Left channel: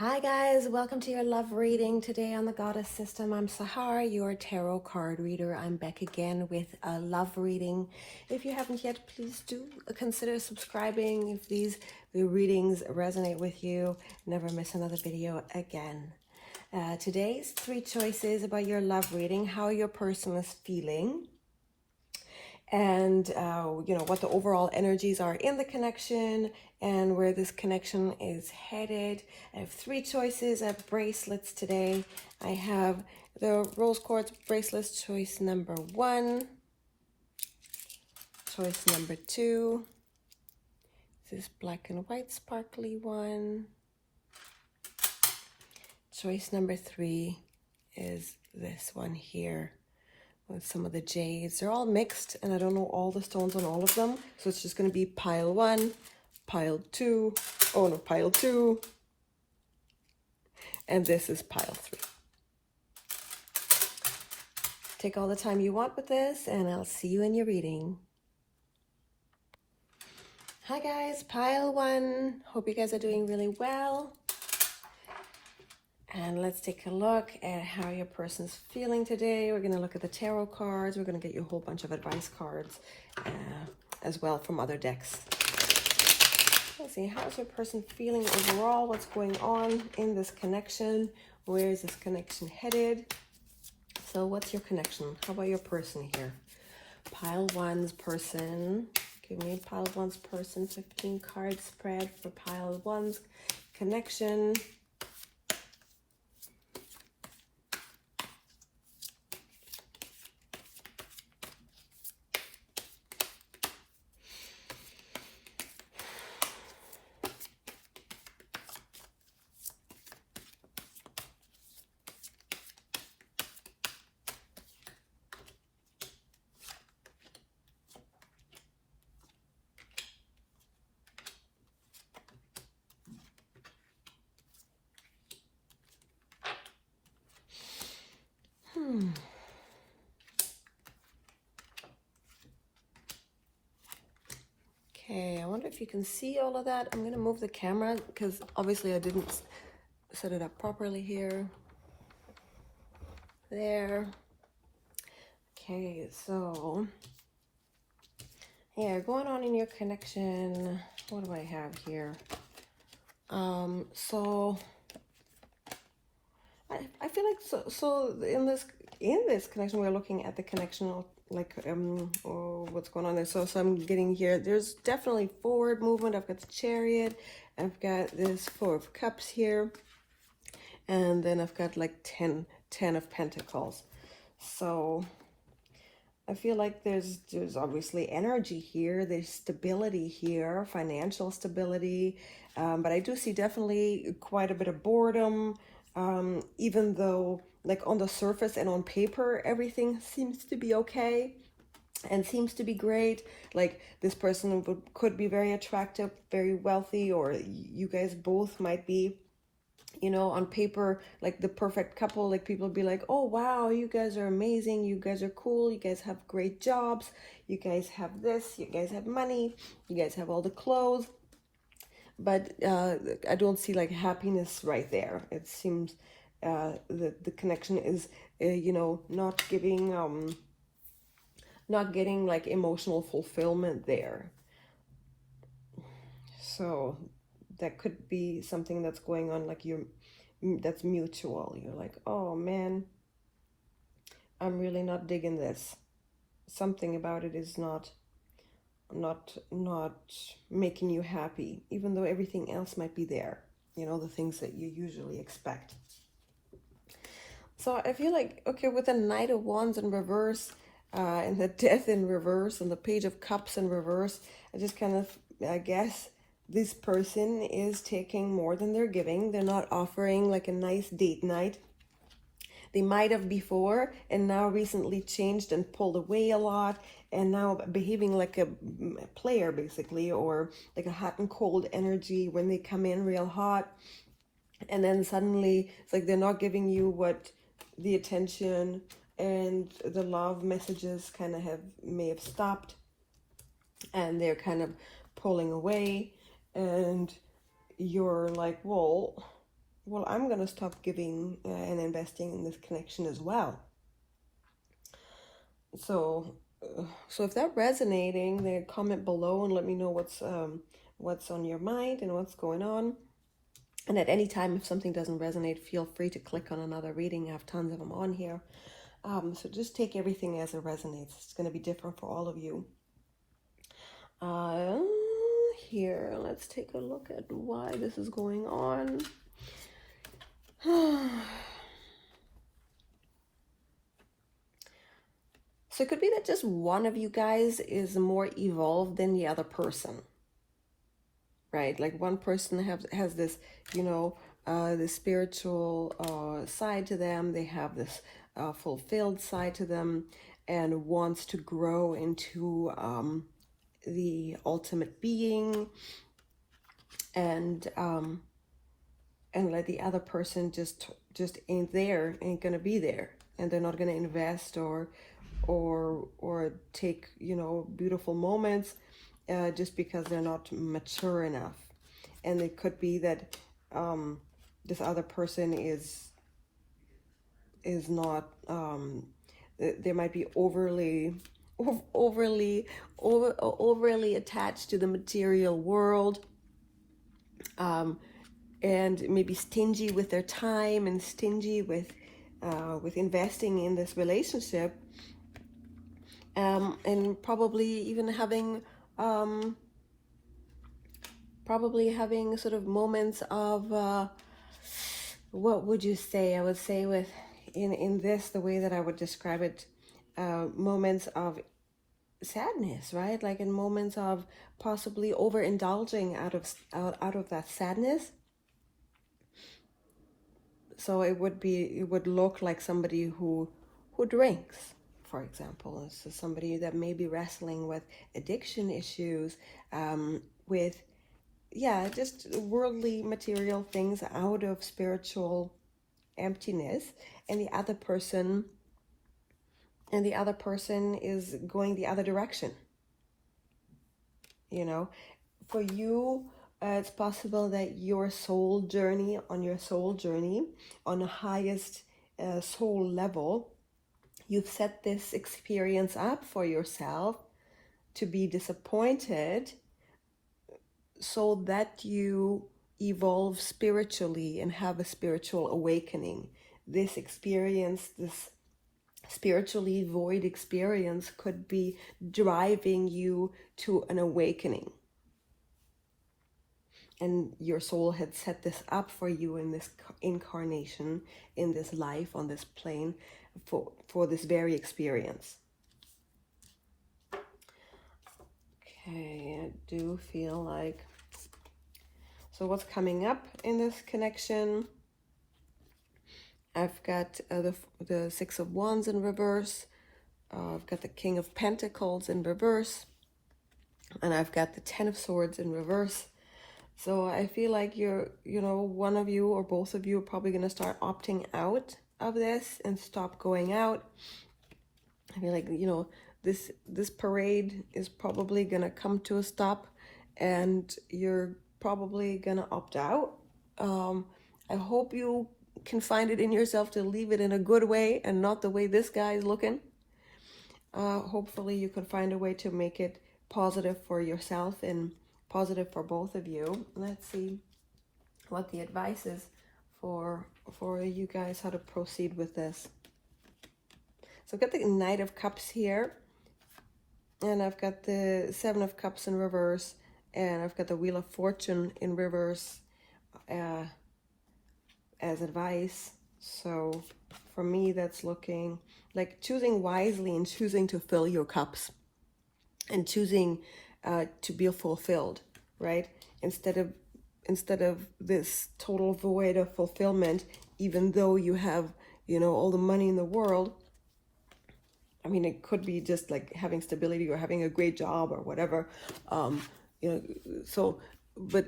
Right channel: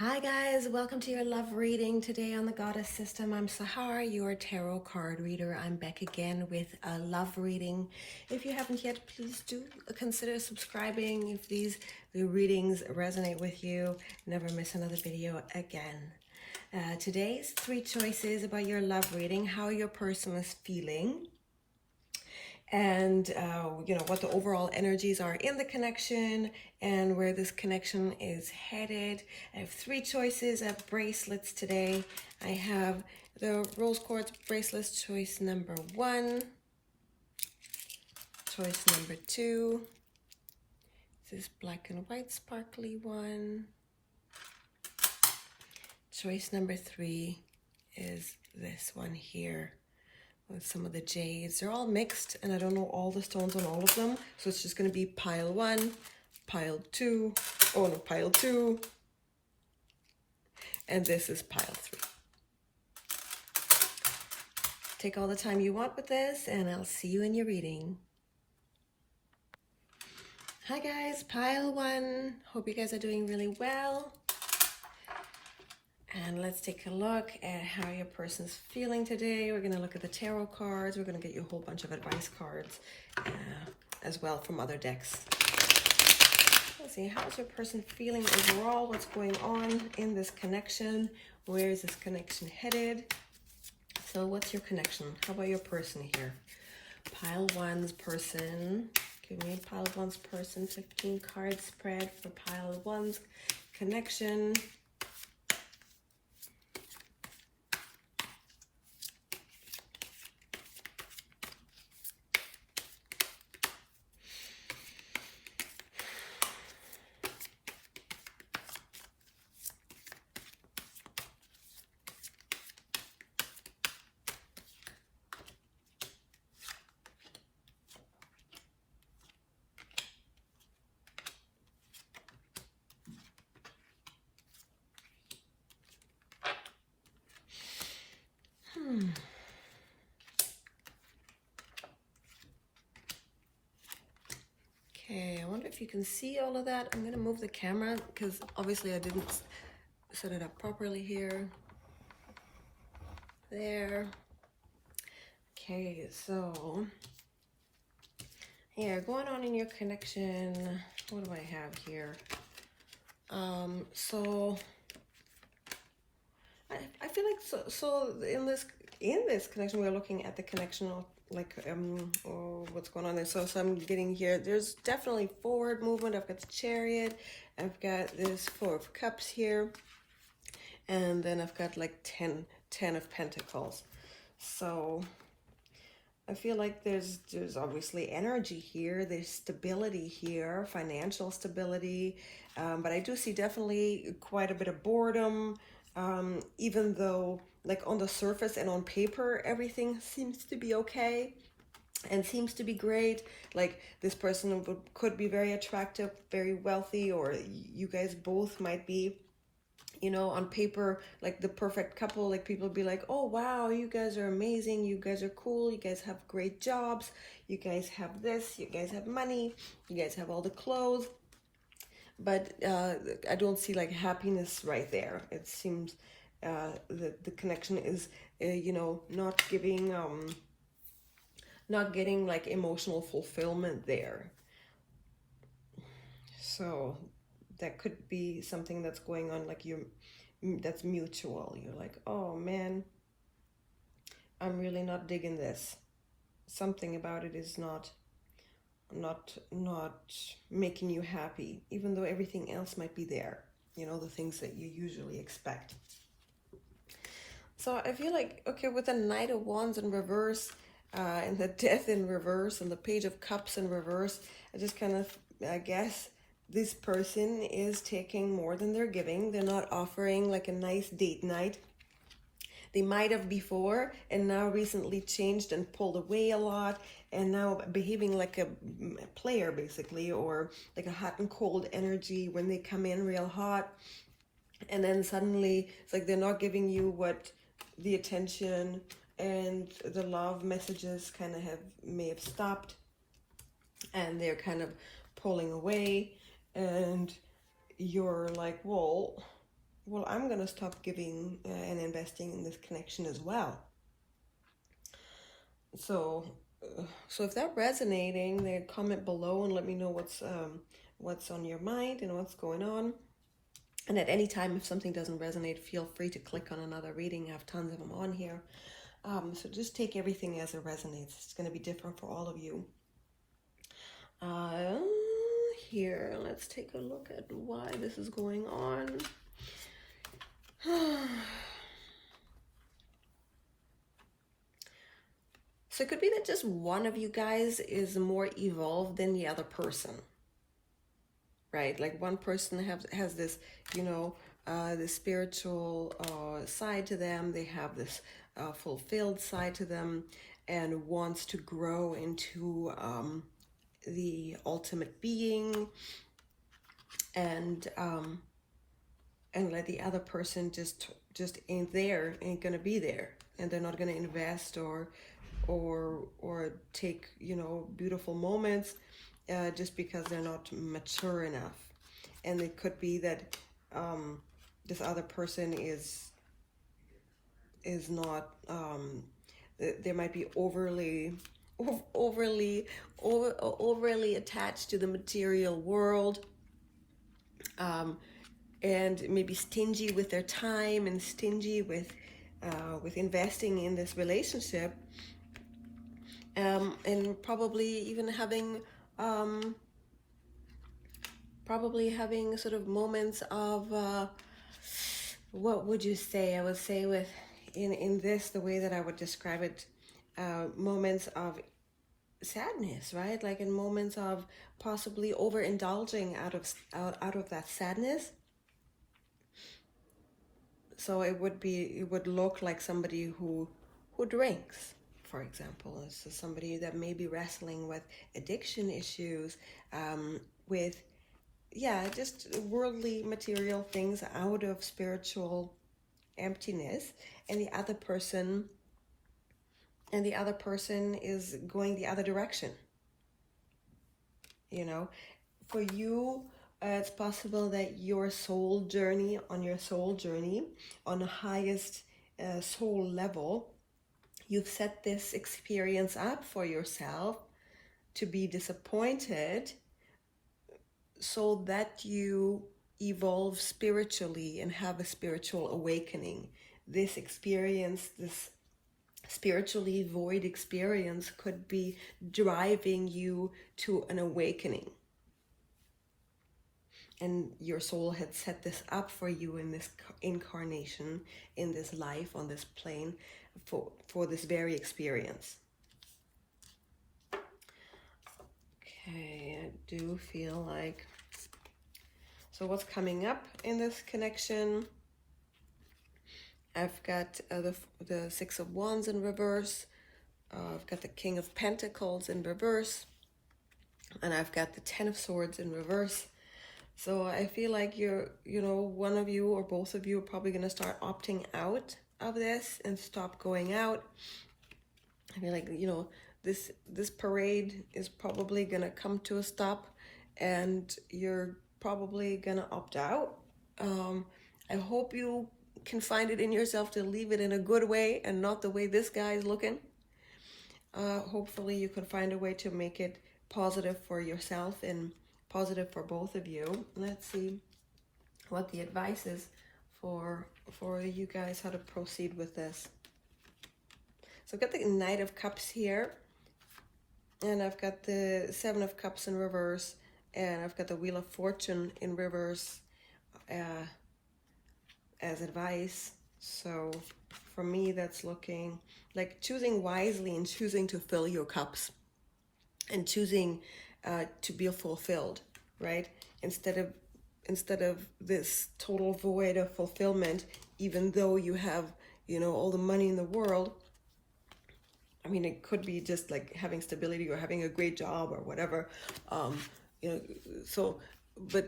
Hi guys, welcome to your love reading today on the Goddess System. I'm Sahar, your tarot card reader. I'm back again with a love reading. If you haven't yet, please do consider subscribing. If the readings resonate with you, never miss another video again. Today's 3 choices about your love reading, how your person is feeling, and what the overall energies are in the connection and where this connection is headed. I have 3 choices of bracelets today. I have the rose quartz bracelets, choice number 1, choice number 2, this black and white sparkly one, choice number 3 is this one here with some of the jades. They're all mixed and I don't know all the stones on all of them, so it's just going to be pile 1, pile 2, oh no, pile 2, and this is pile 3. Take all the time you want with this and I'll see you in your reading. Hi guys, pile 1. Hope you guys are doing really well. And let's take a look at how your person's feeling today. We're going to look at the tarot cards. We're going to get you a whole bunch of advice cards as well from other decks. Let's see, how's your person feeling overall? What's going on in this connection? Where is this connection headed? So what's your connection? How about your person here? Pile 1's person. Give me pile 1's person. 15 card spread for pile 1's connection. Okay, I wonder if you can see all of that. I'm going to move the camera because obviously I didn't set it up properly here. There. Okay, so here, going on in your connection, what do I have here? So I feel like so in this connection we're looking at the connection of like or what's going on there. So I'm getting here, there's definitely forward movement. I've got the Chariot, I've got this 4 of Cups here, and then I've got like 10 of Pentacles. So I feel like there's obviously energy here, there's stability here, financial stability, but I do see definitely quite a bit of boredom, even though like on the surface and on paper everything seems to be okay and seems to be great. Like this person could be very attractive, very wealthy, or you guys both might be, you know, on paper, like the perfect couple. Like people be like, oh wow, you guys are amazing, you guys are cool, you guys have great jobs, you guys have this, you guys have money, you guys have all the clothes. But I don't see like happiness right there. It seems the connection is, you know, not getting like emotional fulfillment there. So that could be something that's going on, like that's mutual. You're like, oh man, I'm really not digging this. Something about it is not making you happy, even though everything else might be there, you know, the things that you usually expect. So I feel like, okay, with the Knight of Wands in reverse, and the Death in reverse, and the Page of Cups in reverse, I just kind of guess this person is taking more than they're giving. They're not offering like a nice date night. They might have before and now recently changed and pulled away a lot, and now behaving like a player basically, or like a hot and cold energy when they come in real hot, and then suddenly it's like they're not giving you what the attention and the love messages kind of may have stopped, and they're kind of pulling away, and you're like, well, well, I'm going to stop giving and investing in this connection as well. So if that's resonating, then comment below and let me know what's on your mind and what's going on. And at any time, if something doesn't resonate, feel free to click on another reading. I have tons of them on here. So just take everything as it resonates. It's going to be different for all of you. Here, let's take a look at why this is going on. So it could be that just one of you guys is more evolved than the other person, right? Like one person has this, the spiritual side to them. They have this fulfilled side to them and wants to grow into the ultimate being, and let the other person just ain't gonna be there, and they're not gonna invest or take beautiful moments just because they're not mature enough. And it could be that this other person is not they might be overly attached to the material world, and maybe stingy with their time and stingy with investing in this relationship, and probably even having sort of moments of what would you say? I would say in this, the way that I would describe it, moments of sadness, right? Like in moments of possibly overindulging out of that sadness. So it would look like somebody who drinks, for example. So somebody that may be wrestling with addiction issues, with just worldly material things out of spiritual emptiness, and the other person is going the other direction. For you, it's possible that your soul journey, on the highest soul level, you've set this experience up for yourself to be disappointed so that you evolve spiritually and have a spiritual awakening. This experience, this spiritually void experience, could be driving you to an awakening. And your soul had set this up for you in this incarnation, in this life, on this plane, for this very experience. Okay, I do feel like... So what's coming up in this connection? I've got the Six of Wands in reverse. I've got the King of Pentacles in reverse. And I've got the Ten of Swords in reverse. So I feel like one of you or both of you are probably going to start opting out of this and stop going out. I feel like, this parade is probably going to come to a stop, and you're probably going to opt out. I hope you can find it in yourself to leave it in a good way and not the way this guy is looking. Hopefully you can find a way to make it positive for yourself and positive for both of you. Let's see what the advice is for you guys, how to proceed with this. So I've got the Knight of Cups here, and I've got the Seven of Cups in reverse, and I've got the Wheel of Fortune in reverse as advice. So for me, that's looking like choosing wisely and choosing to fill your cups and choosing to be fulfilled, right? Instead of this total void of fulfillment, even though you have, all the money in the world. I mean, it could be just like having stability or having a great job or whatever. But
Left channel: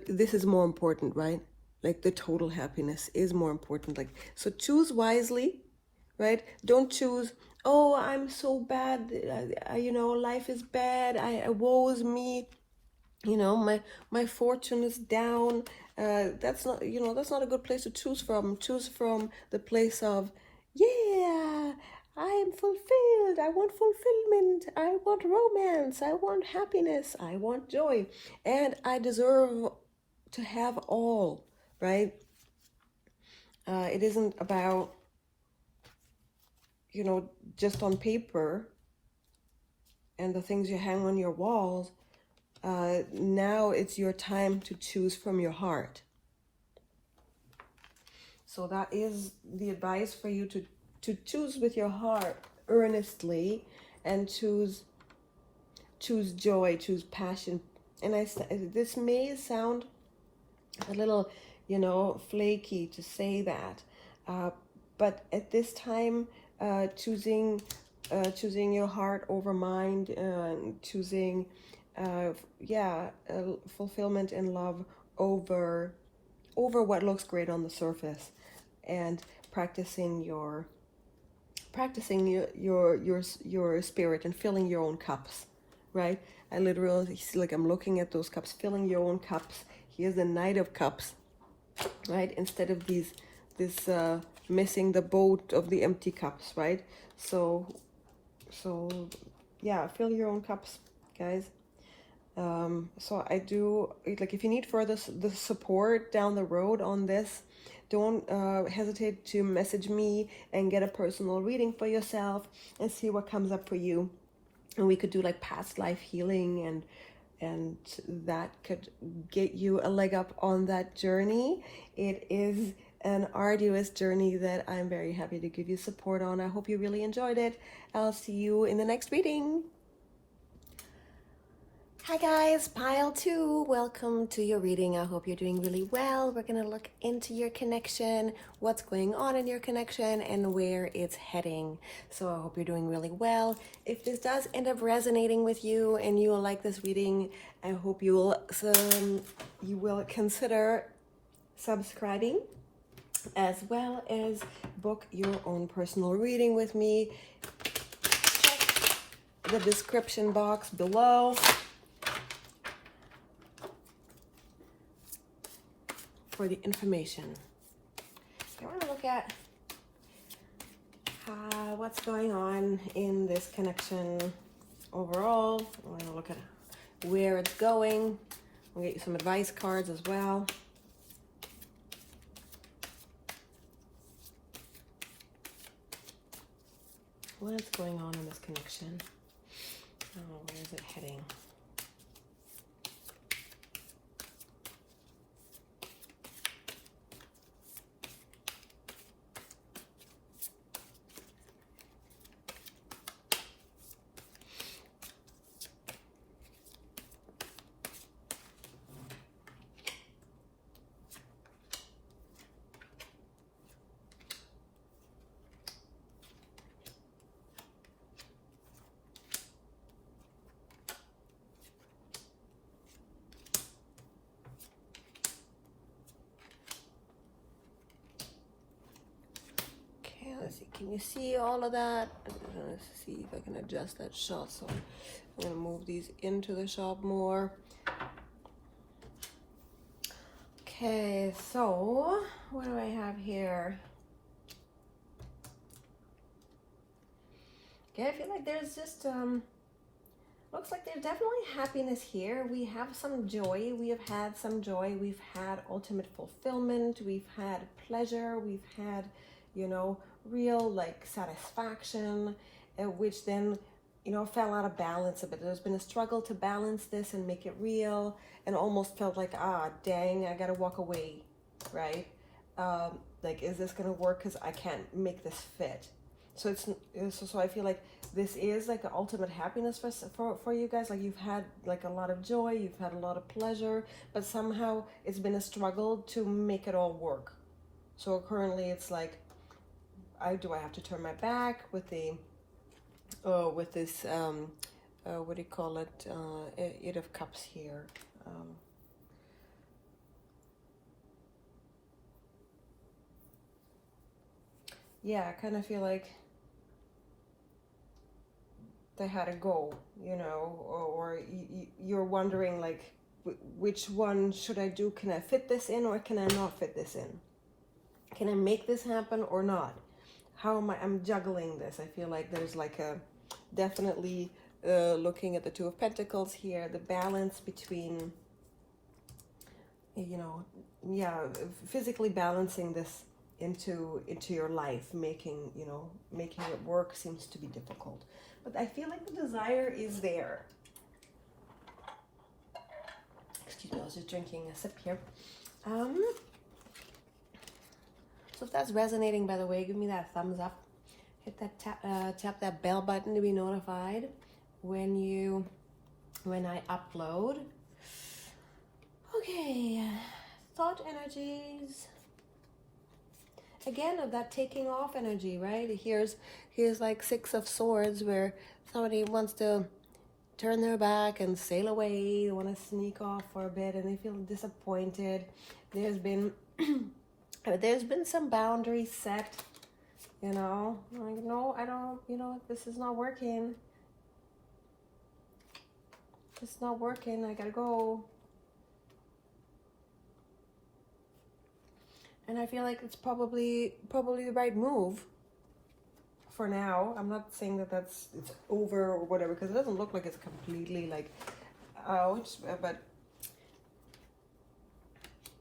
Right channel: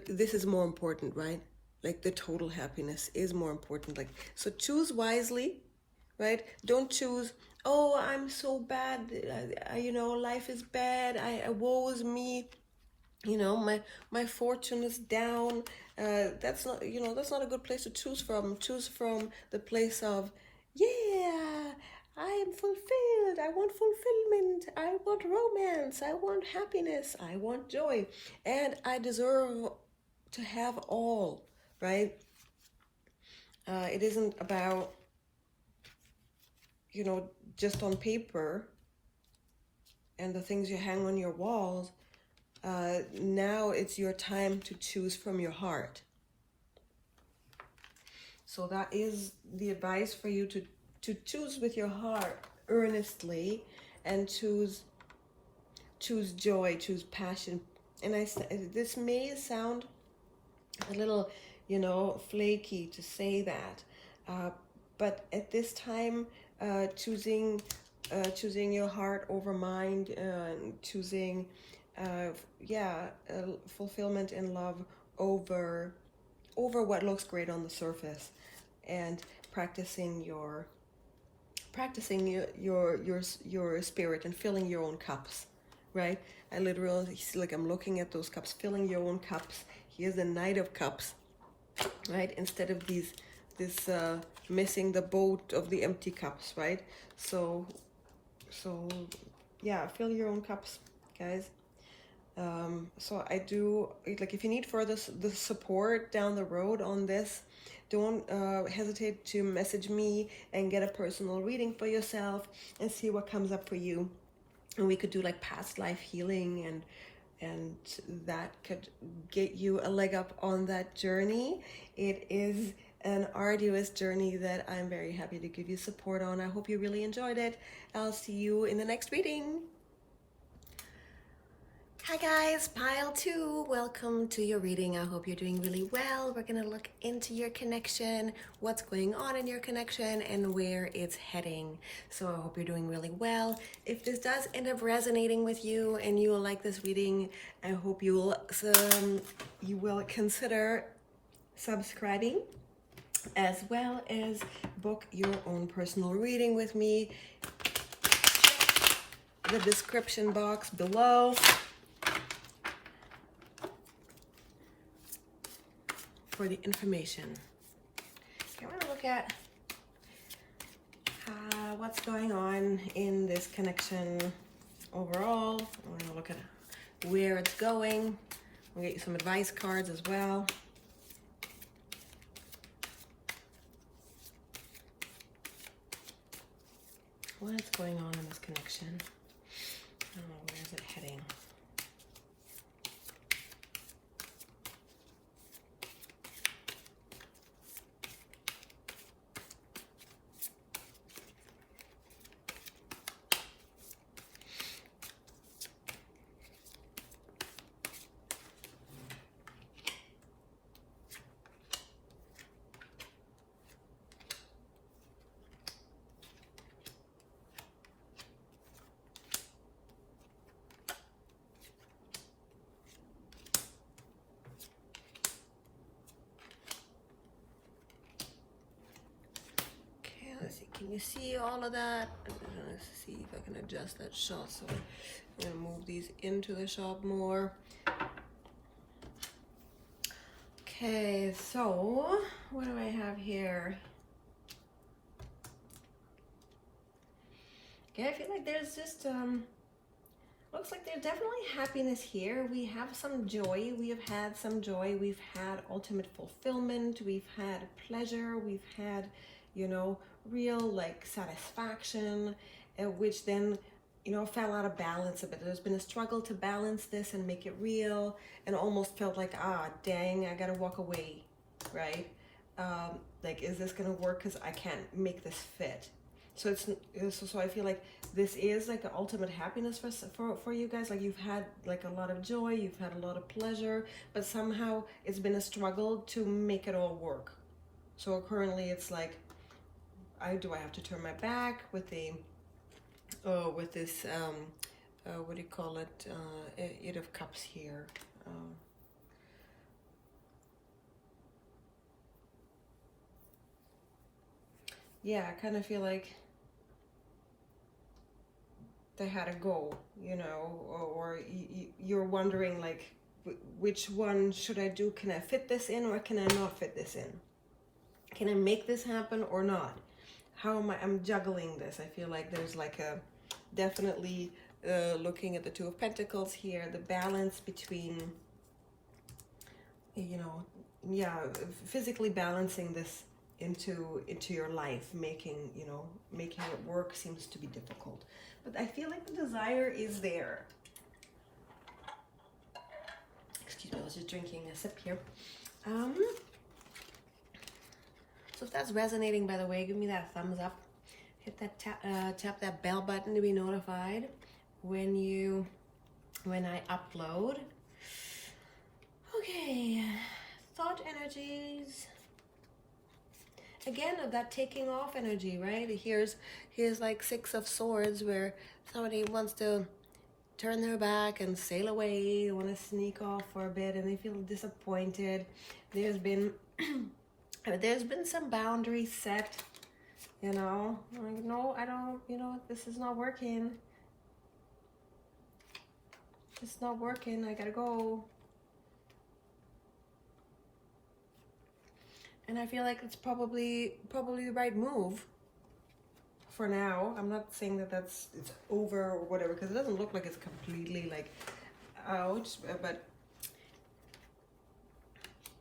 this is more important, right? Like the total happiness is more important. Like, so choose wisely, right? Don't choose, oh, I'm so bad, life is bad, woe is me, my fortune is down, that's not, you know, that's not a good place to choose from. Choose from the place of, yeah, I'm fulfilled. I want fulfillment. I want romance. I want happiness. I want joy. And I deserve to have all, right? It isn't about, you know, just on paper and the things you hang on your walls. Now it's your time to choose from your heart. So that is the advice for you to choose with your heart earnestly, and choose joy, choose passion. And this may sound a little, you know, flaky to say that, but at this time, choosing your heart over mind, choosing fulfillment in love over what looks great on the surface, and practicing your spirit and filling your own cups, right? I literally, like, I'm looking at those cups, filling your own cups. Here's the Knight of Cups, right? Instead of this missing the boat of the empty cups, right? So yeah, fill your own cups, guys. So I do, like, if you need further the support down the road on this, don't hesitate to message me and get a personal reading for yourself and see what comes up for you. And we could do like past life healing, and that could get you a leg up on that journey. It is an arduous journey that I'm very happy to give you support on. I hope you really enjoyed it. I'll see you in the next reading. Hi guys, pile 2. Welcome to your reading. I hope you're doing really well. We're going to look into your connection, what's going on in your connection, and where it's heading. So I hope you're doing really well. If this does end up resonating with you and you will like this reading, I hope you will consider subscribing, as well as book your own personal reading with me. Check the description box below for the information. Okay, we're going to look at what's going on in this connection overall. We're going to look at where it's going. We'll get you some advice cards as well. What's going on in this connection? Oh, where is it heading? Let's see, can you see all of that? Let's see if I can adjust that shot. So I'm going to move these into the shot more. Okay, so what do I have here? Okay, I feel like there's just, looks like there's definitely happiness here. We have some joy. We have had some joy. We've had ultimate fulfillment. We've had pleasure. We've had, you know, real like satisfaction, which then, you know, fell out of balance a bit. There's been a struggle to balance this and make it real, and almost felt like, dang, I gotta walk away, right? Like, is this gonna work? Because I can't make this fit. So so I feel like this is like the ultimate happiness for you guys. Like, you've had like a lot of joy, you've had a lot of pleasure, but somehow it's been a struggle to make it all work. So currently it's like, do I have to turn my back with the with this what do you call it, Eight of Cups here. Yeah, I kind of feel like they had to go, you know, or you're wondering, like, which one should I do? Can I fit this in or can I not fit this in? Can I make this happen or not? How am I'm juggling this? I feel like there's like a definitely looking at the Two of Pentacles here, the balance between, you know, yeah, physically balancing this into your life, making it work seems to be difficult. But I feel like the desire is there. Excuse me, I was just drinking a sip here. So if that's resonating, by the way, give me that thumbs up. Hit that tap that bell button to be notified when I upload. Okay, thought energies. Again, of that taking off energy, right? Here's like Six of Swords, where somebody wants to turn their back and sail away, want to sneak off for a bit, and they feel disappointed. There's been some boundaries set, you know, like, no, I don't, you know, this is not working. It's not working, I gotta go. And I feel like it's probably the right move for now. I'm not saying that it's over or whatever, because it doesn't look like it's completely like out,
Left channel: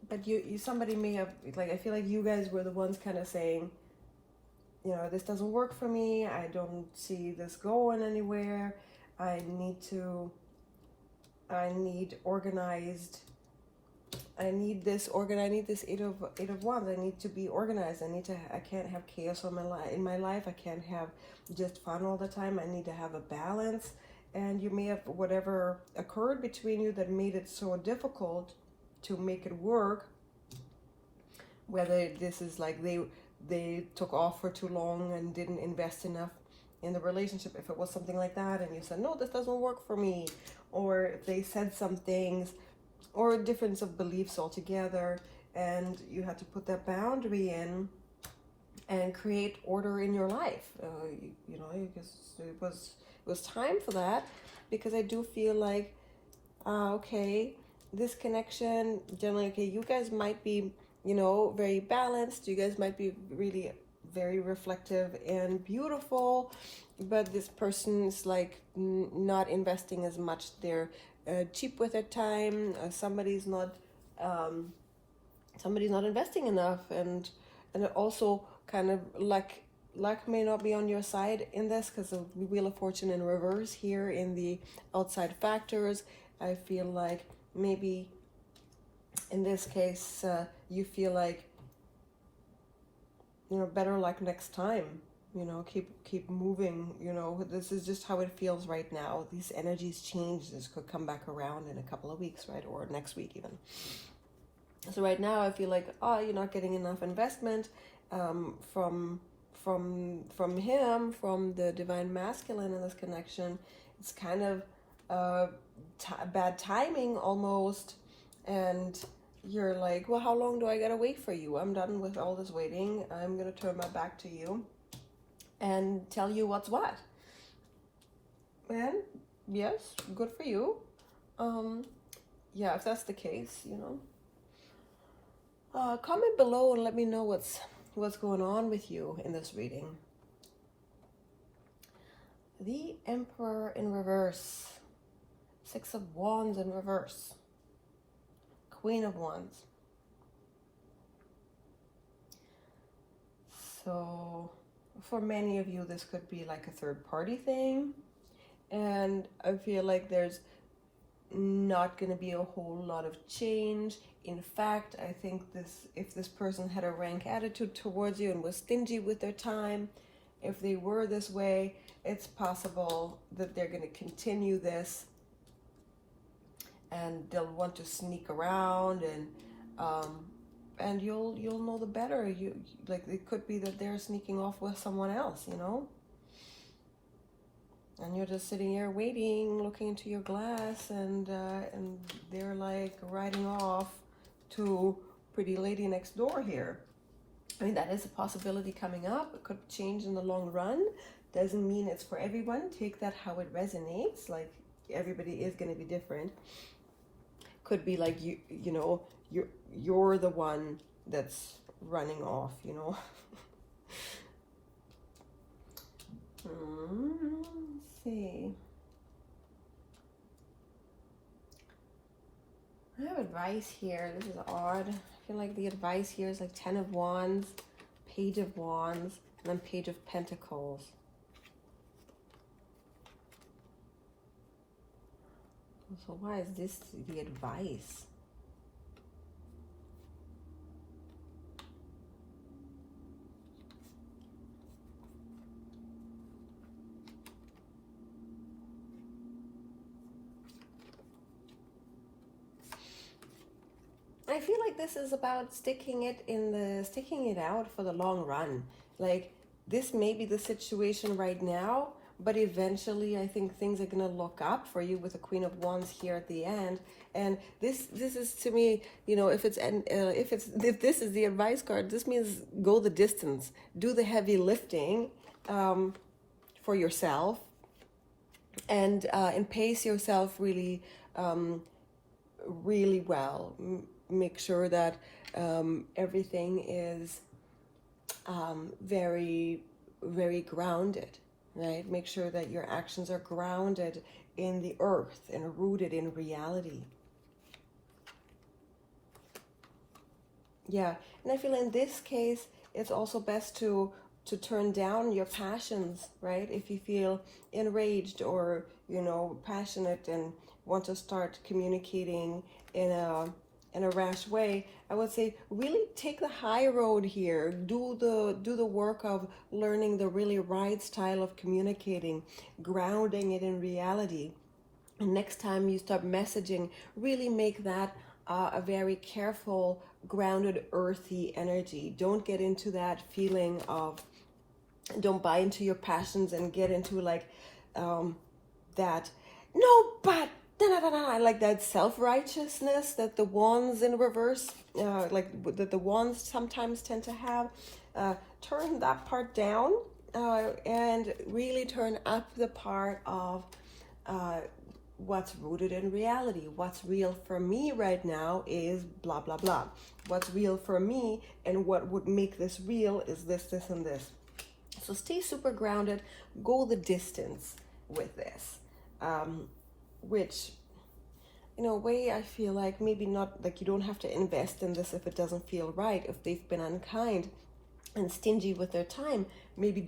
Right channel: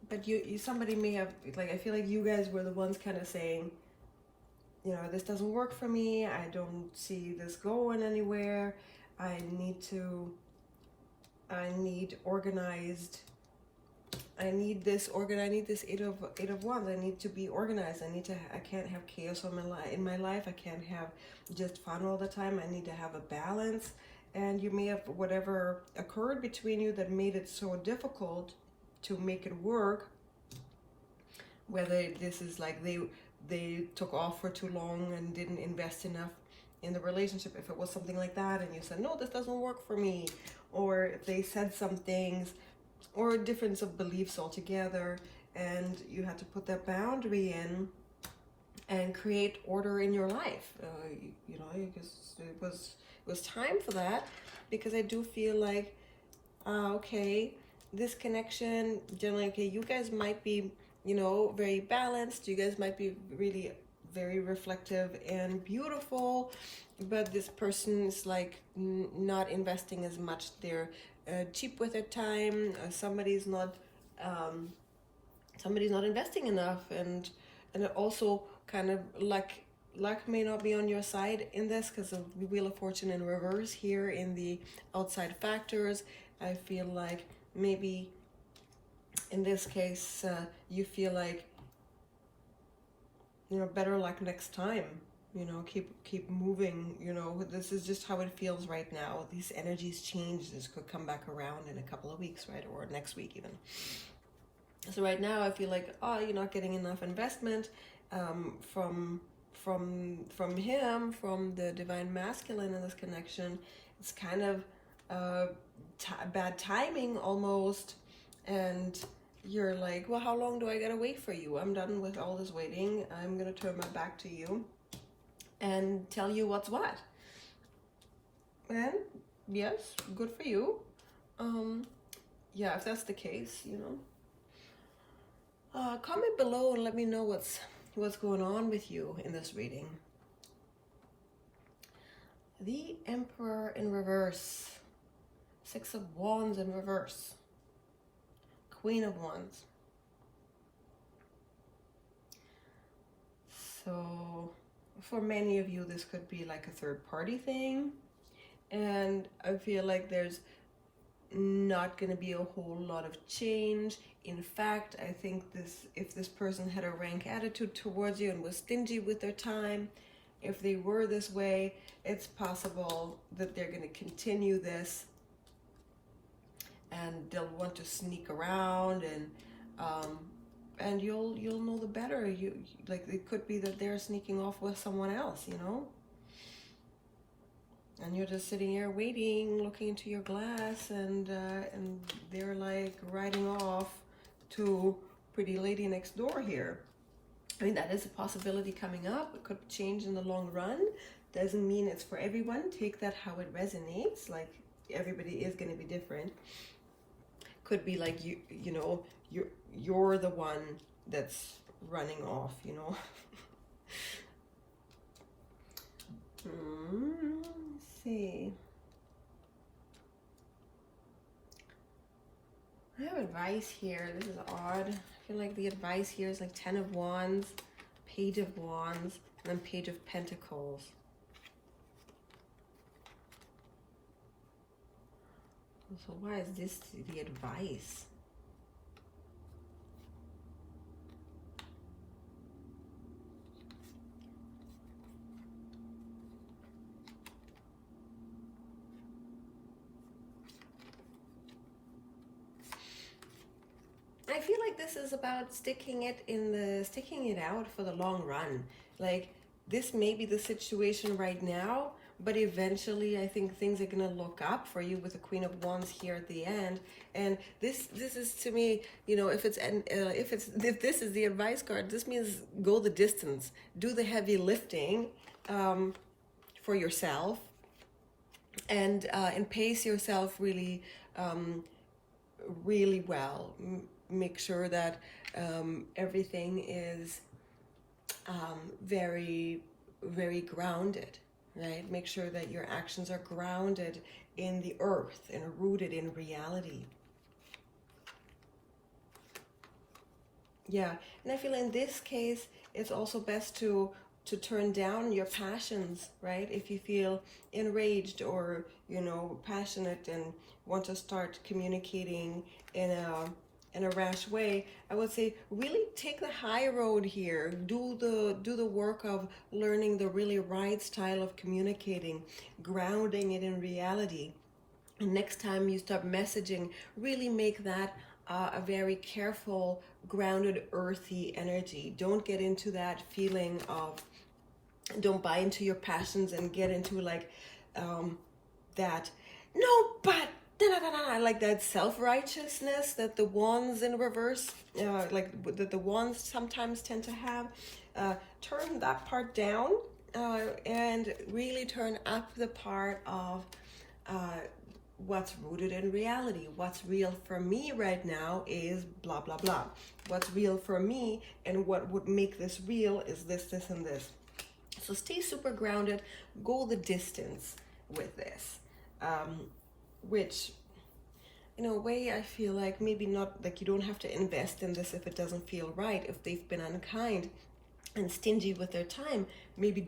but you somebody may have, like, I feel like you guys were the ones kind of saying, you know, this doesn't work for me, I don't see this going anywhere, I need organized, I need this Eight of Wands. I need to be organized. I can't have chaos in my life. I can't have just fun all the time. I need to have a balance. And you may have whatever occurred between you that made it so difficult to make it work. Whether this is like they took off for too long and didn't invest enough in the relationship. If it was something like that and you said, no, this doesn't work for me. Or if they said some things, or a difference of beliefs altogether, and you have to put that boundary in and create order in your life. You know, because it was time for that, because I do feel like, okay, this connection, generally, okay, you guys might be, you know, very balanced, you guys might be really very reflective and beautiful, but this person is like not investing as much. They're cheap with their time. Somebody's not investing enough, and it also kind of luck may not be on your side in this, because of the Wheel of Fortune in reverse here in the outside factors. I feel like maybe in this case you feel like, you know, better luck next time. You know, keep moving. You know, this is just how it feels right now. These energies change. This could come back around in a couple of weeks, right? Or next week even. So right now I feel like, oh, you're not getting enough investment from him, from the divine masculine in this connection. It's kind of bad timing almost. And you're like, well, how long do I gotta wait for you? I'm done with all this waiting. I'm gonna turn my back to you and tell you what's what. And yes, good for you. Yeah, if that's the case, you know. Comment below and let me know what's going on with you in this reading. The Emperor in reverse. Six of Wands in reverse. Queen of Wands. So for many of you, this could be like a third-party thing, and I feel like there's not going to be a whole lot of change. In fact, I think if this person had a rank attitude towards you and was stingy with their time, if they were this way, it's possible that they're going to continue this, and they'll want to sneak around, and you'll know the better. You like, it could be that they're sneaking off with someone else, you know, and you're just sitting here waiting, looking into your glass, and they're like riding off to pretty lady next door here. I mean, that is a possibility coming up. It could change in the long run. Doesn't mean it's for everyone. Take that how it resonates. Like, everybody is going to be different. could be like you know, you're the one that's running off, you know. Let's see. I have advice here. This is odd. I feel like the advice here is like 10 of Wands, Page of Wands, and then Page of Pentacles. So why is this the advice? I feel like this is about sticking it out for the long run. Like, this may be the situation right now, but eventually I think things are gonna look up for you with the Queen of Wands here at the end. And this is, to me, you know, if this is the advice card, this means go the distance, do the heavy lifting for yourself, and pace yourself really really well. Make sure that everything is very, very grounded, right? Make sure that your actions are grounded in the earth and rooted in reality. Yeah, and I feel in this case, it's also best to turn down your passions, right? If you feel enraged or, you know, passionate and want to start communicating in a rash way, I would say really take the high road here. Do the work of learning the really right style of communicating, grounding it in reality. And next time you start messaging, really make that a very careful, grounded, earthy energy. Don't get into that feeling of, don't buy into your passions and get into like that, no, but like that self-righteousness that the wands in reverse, like that the wands sometimes tend to have. Turn that part down and really turn up the part of what's rooted in reality. What's real for me right now is blah, blah, blah. What's real for me and what would make this real is this, this, and this. So stay super grounded, go the distance with this. Which, in a way, I feel like maybe not, like you don't have to invest in this if it doesn't feel right. If they've been unkind and stingy with their time, maybe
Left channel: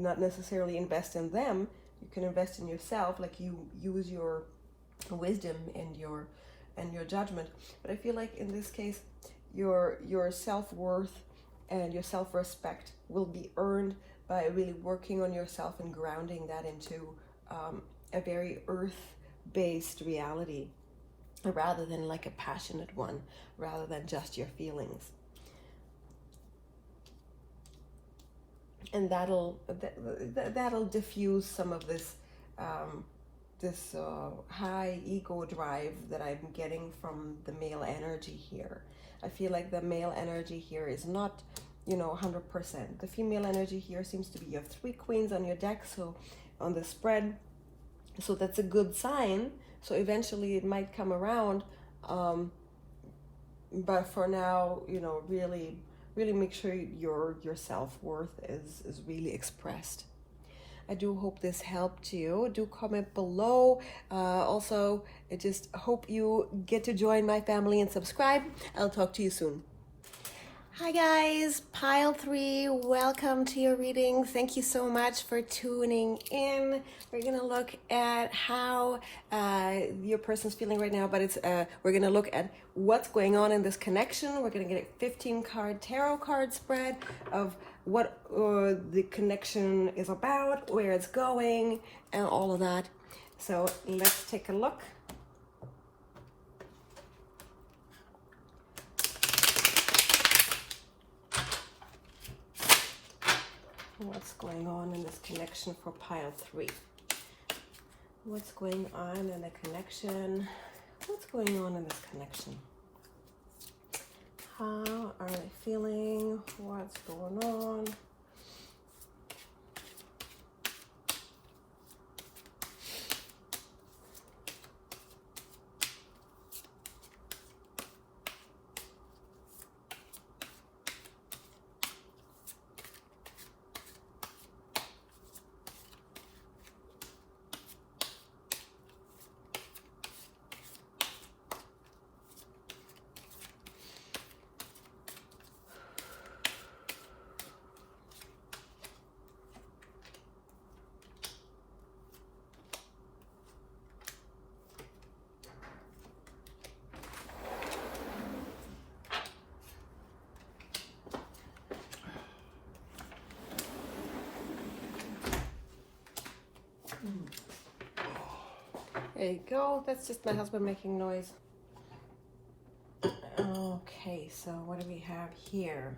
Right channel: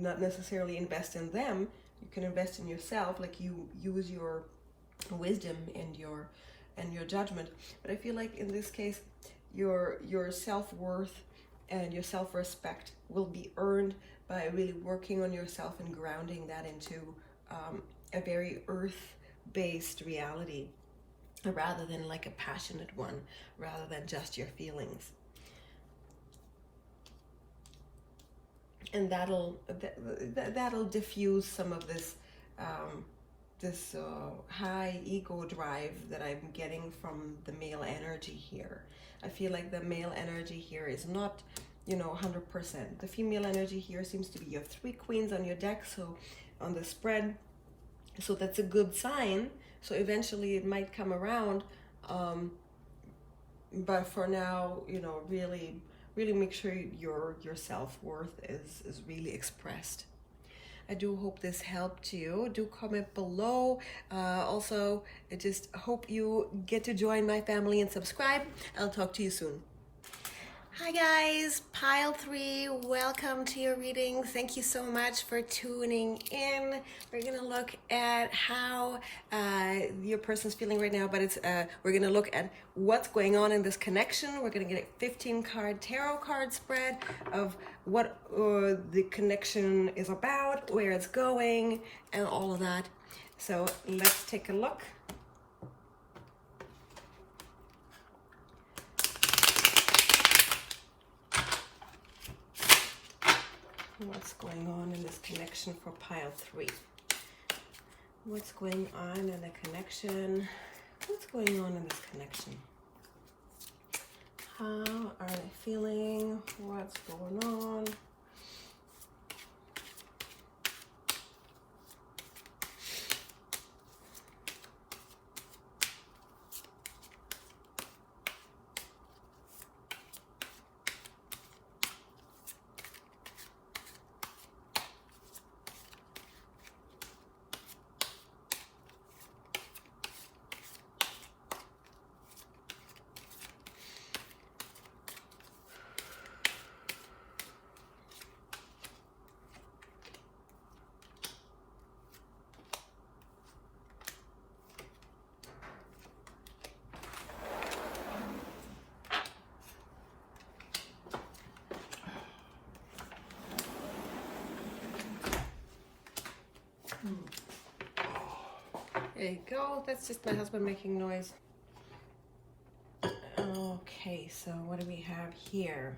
not necessarily invest in them. You can invest in yourself, like you use your wisdom and your judgment. But I feel like in this case, your self-worth and your self-respect will be earned by really working on yourself and grounding that into a very earth-based reality, rather than like a passionate one, rather than just your feelings. And that'll diffuse some of this high ego drive that I'm getting from the male energy here. I feel like the male energy here is not, 100%. The female energy here seems to be, you have 3 queens on your deck, so on the spread. So that's a good sign. So eventually it might come around. But for now, really make sure your self-worth is really expressed. I do hope this helped you. Do comment below. Also, I just hope you get to join my family and subscribe. I'll talk to you soon. Hi guys, pile 3, welcome to your reading. Thank you so much for tuning in. We're gonna look at how your person's feeling right now, but we're gonna look at what's going on in this connection. We're gonna get a 15-card tarot card spread of what the connection is about, where it's going, and all of that. So let's take a look. What's going on in this connection for pile 3? What's going on in the connection? What's going on in this connection? How are they feeling? What's going on? There you go. That's just my husband making noise. Okay, so what do we have here?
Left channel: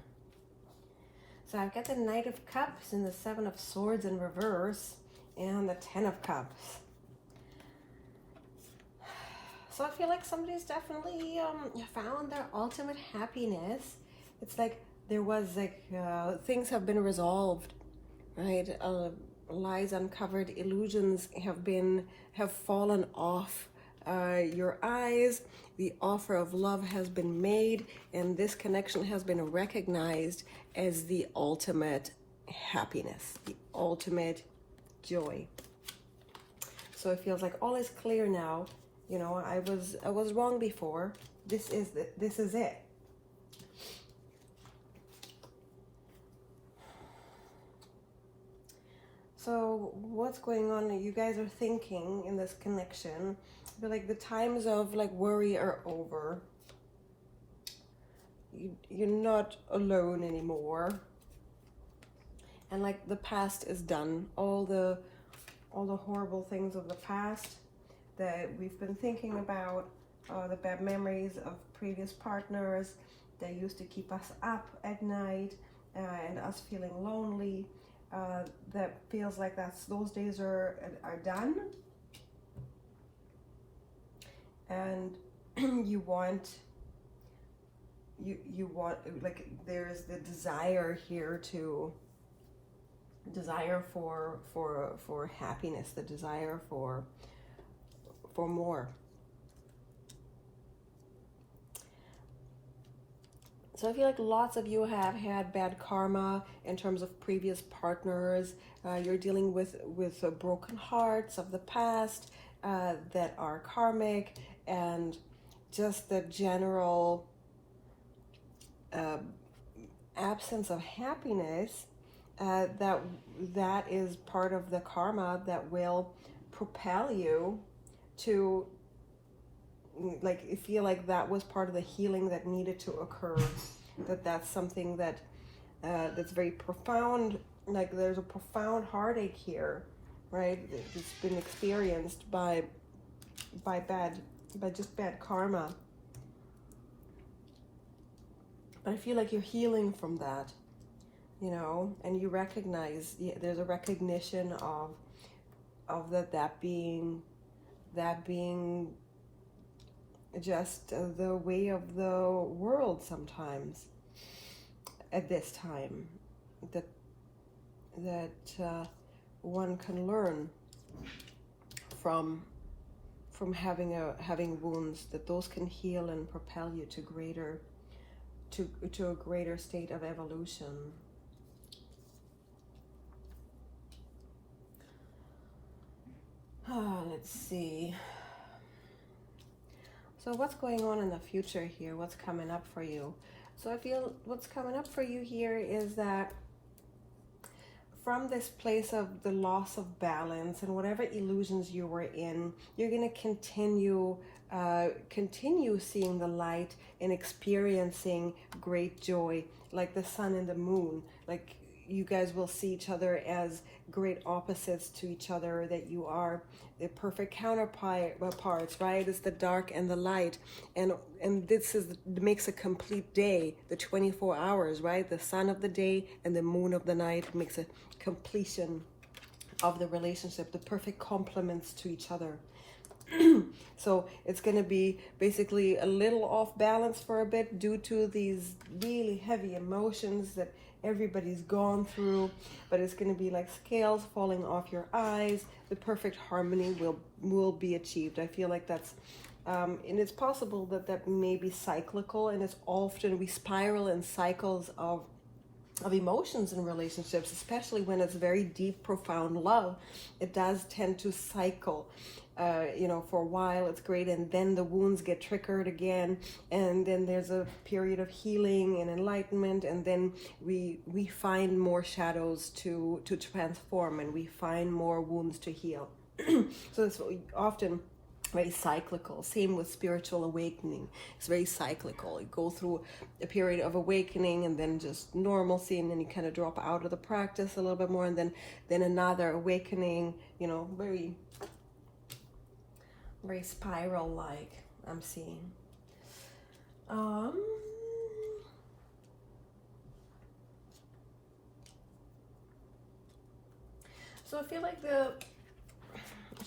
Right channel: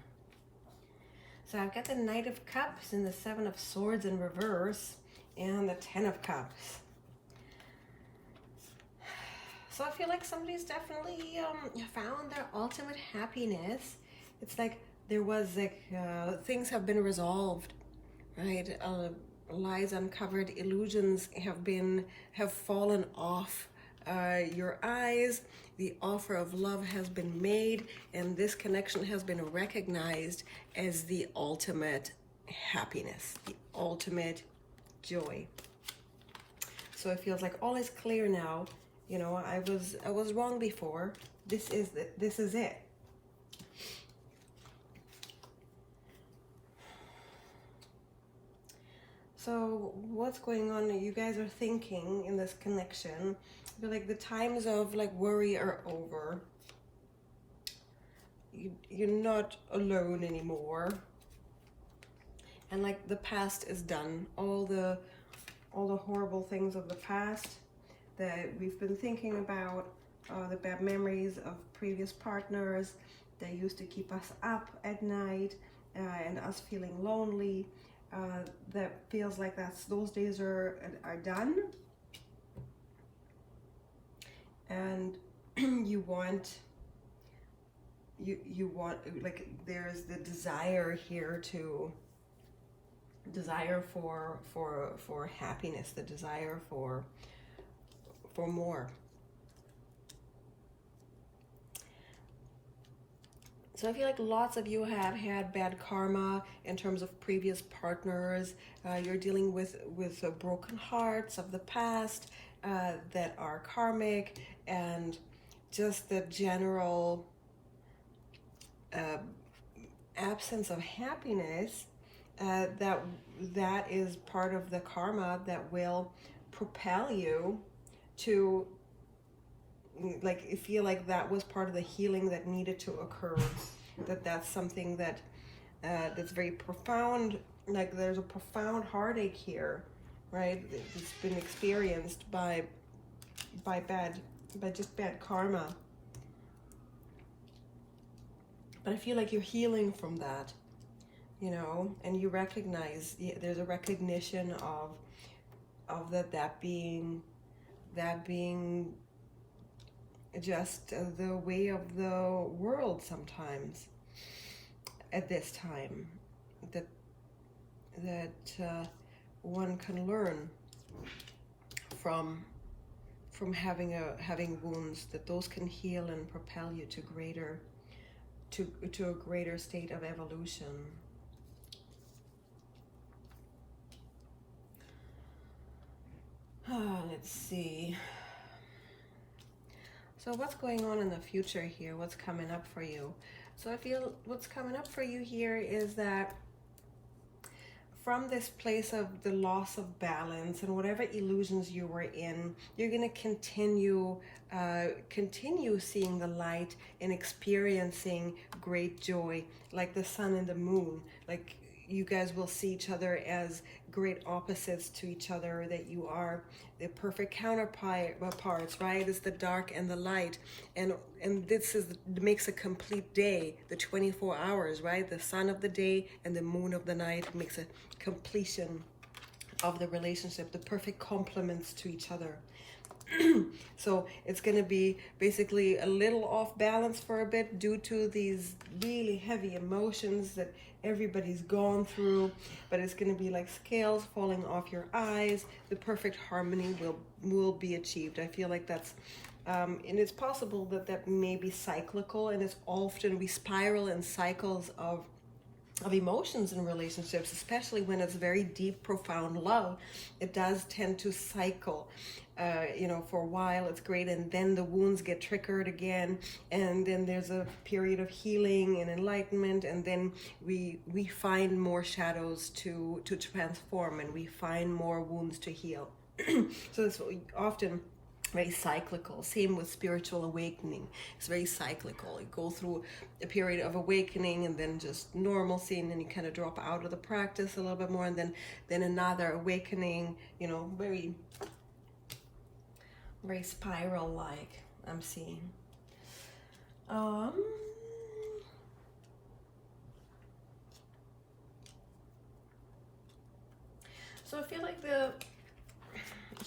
So I've got the Knight of Cups and the Seven of Swords in reverse and the Ten of Cups. So I feel like somebody's definitely found their ultimate happiness. It's like there was like things have been resolved, right? Lies uncovered, illusions have fallen off your eyes. The offer of love has been made, and this connection has been recognized as the ultimate happiness, the ultimate joy. So it feels like all is clear now. You know, I was wrong before. This is it. So what's going on? You guys are thinking in this connection, but like the times of like worry are over. You're not alone anymore. And like the past is done. All the horrible things of the past that we've been thinking about, the bad memories of previous partners that used to keep us up at night and us feeling lonely. That feels like those days are done, and you want like there's the desire here to desire for happiness, the desire for more. So I feel like lots of you have had bad karma in terms of previous partners. You're dealing with broken hearts of the past that are karmic, and just the general absence of happiness. That is part of the karma that will propel you to, like, you feel like that was part of the healing that needed to occur. That's something that that's very profound. Like there's a profound heartache here, right? It's been experienced by just bad karma. But I feel like you're healing from that, you know, and you recognize there's a recognition of that being just the way of the world sometimes at this time, that one can learn from having wounds, that those can heal and propel you to a greater state of evolution. Let's see. So what's going on in the future here? What's coming up for you? So I feel what's coming up for you here is that from this place of the loss of balance and whatever illusions you were in, you're going to continue seeing the light and experiencing great joy, like the sun and the moon. Like you guys will see each other as great opposites to each other, that you are the perfect counterparts, right? It's the dark and the light, and this makes a complete day, the 24 hours, right? The sun of the day and the moon of the night makes a completion of the relationship, the perfect complements to each other. So it's going to be basically a little off balance for a bit due to these really heavy emotions that everybody's gone through, but it's going to be like scales falling off your eyes. The perfect harmony will be achieved. I feel like that's and it's possible that may be cyclical, and it's often we spiral in cycles of emotions in relationships, especially when it's very deep, profound love. It does tend to cycle. You know, for a while it's great, and then the wounds get triggered again, and then there's a period of healing and enlightenment, and then we find more shadows to transform, and we find more wounds to heal. So it's often very cyclical. Same with spiritual awakening. It's very cyclical. You go through a period of awakening and then just normalcy, and then you kind of drop out of the practice a little bit more, and then another awakening, you know, very very spiral-like, I'm seeing. So I feel like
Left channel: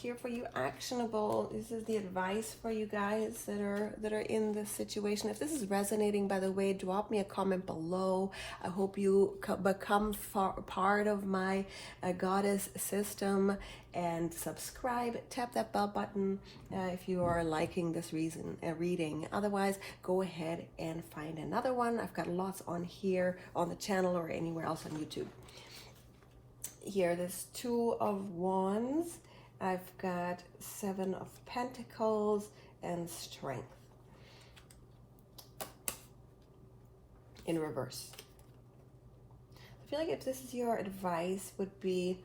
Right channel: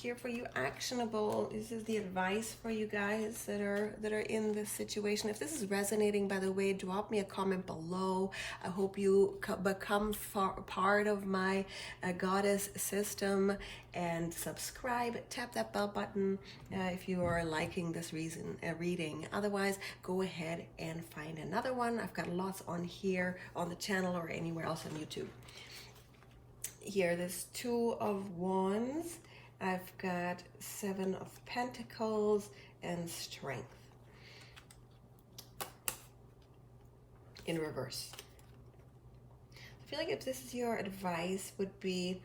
here for you, actionable, this is the advice for you guys that are in this situation. If this is resonating, by the way, drop me a comment below. I hope you become part of my goddess system, and subscribe. Tap that bell button if you are liking this reading. Otherwise, go ahead and find another one. I've got lots on here on the channel or anywhere else on YouTube. Here, there's 2 of Wands. I've got 7 of Pentacles and Strength in reverse. I feel like if this is your advice, would be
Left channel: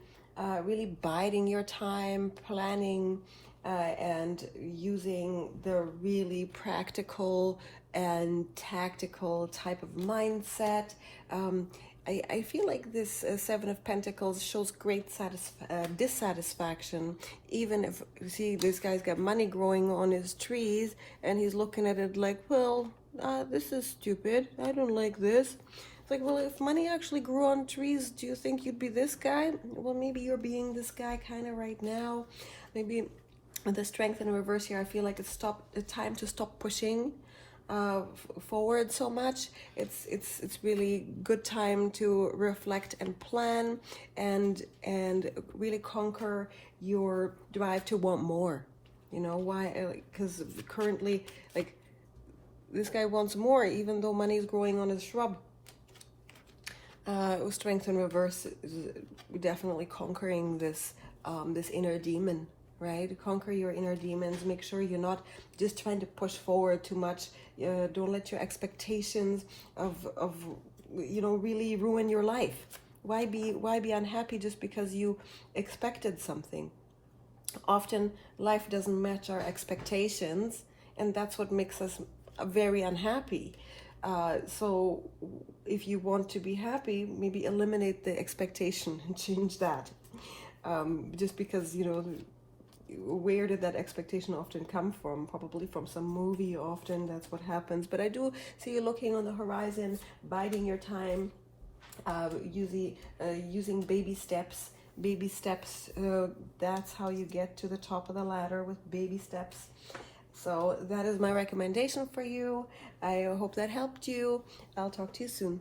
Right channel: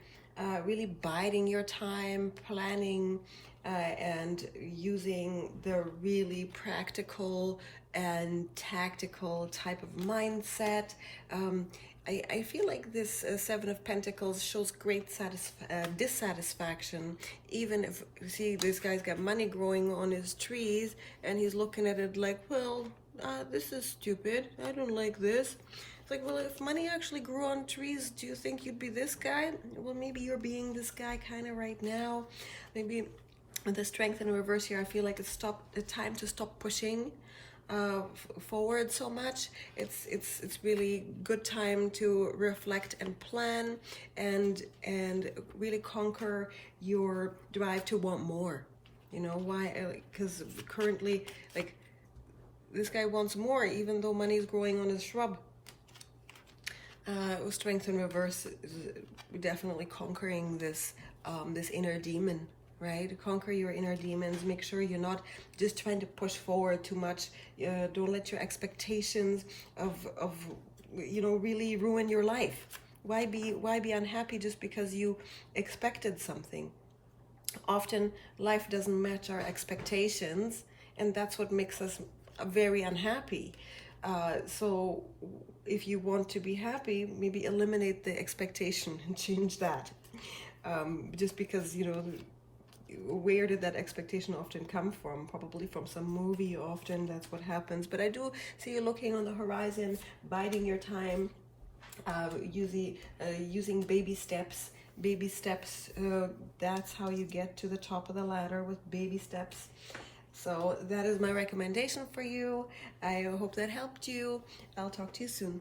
really biding your time, planning, and using the really practical and tactical type of mindset. I feel like this 7 of Pentacles shows great dissatisfaction. Even if, see, this guy's got money growing on his trees, and he's looking at it like, well, this is stupid. I don't like this. It's like, well, if money actually grew on trees, do you think you'd be this guy? Well, maybe you're being this guy kind of right now. Maybe with the Strength in reverse here, I feel like it's time to stop pushing forward so much. It's really good time to reflect and plan, and really conquer your drive to want more. You know why? Because currently, like, this guy wants more, even though money is growing on his shrub. Strength in reverse is definitely conquering this this inner demon, right? Conquer your inner demons. Make sure you're not just trying to push forward too much. Don't let your expectations of you know, really ruin your life. Why be unhappy just because you expected something? Often life doesn't match our expectations, and that's what makes us very unhappy. So if you want to be happy, maybe eliminate the expectation and change that. Just because, you know, where did that expectation often come from? Probably from some movie. Often that's what happens. But I do see you looking on the horizon, biding your time, using baby steps. Baby steps, that's how you get to the top of the ladder, with baby steps. So that is my recommendation for you. I hope that helped you. I'll talk to you soon.